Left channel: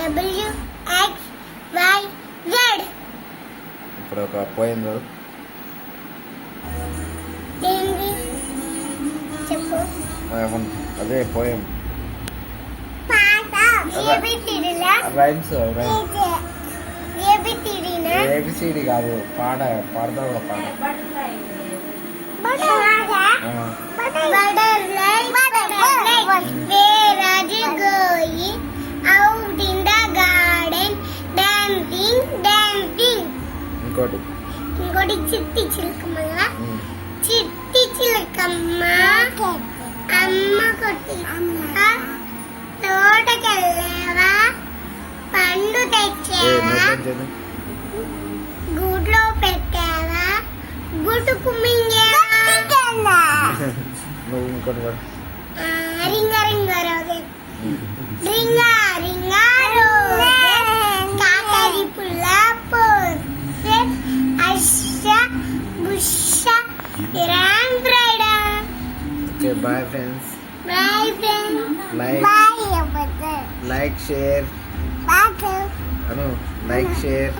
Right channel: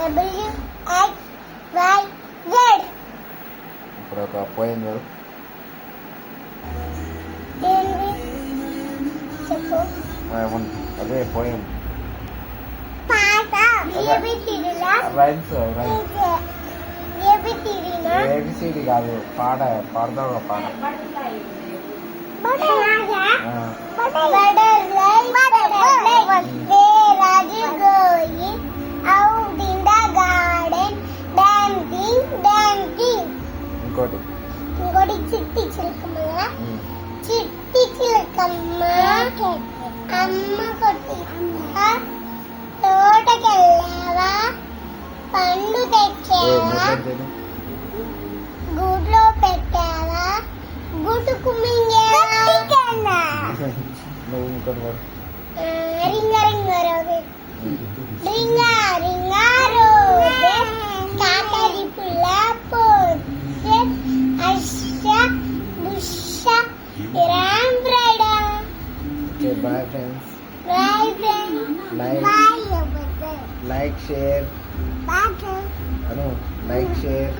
W X Y Z. ఇప్పుడు ఒక పోయింది ఏంది చెప్పు. అదే పోయం పాట ఏబిసిడిలా రైమ్స్ ఏబిసిడినా ఏబిసిడి కాదు పాడతావు ఒక పాట Butterfly, where are you going? Out in the garden, dancing. ఇంకోటి ఇంకోటి చిట్టి చిలకమ్మ కదా. చిట్టి చిలకమ్మ అమ్మ కొట్టిందా, తోటకెళ్ళావా, పండు తెచ్చావా, గూట్లో పెట్టావా, గుటుకు మింగావా. నువ్వు ఇంకోటి పాడు. రింగ రింగ రోగే రింగ రింగ రోగే కాకరి పుల్ల పోసే అర్ష బుష రామ్ బ్రైడా. Okay bye friends. Bye friends. Like share అను like share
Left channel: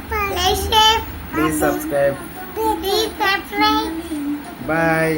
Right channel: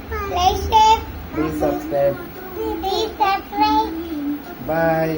please subscribe. Bye.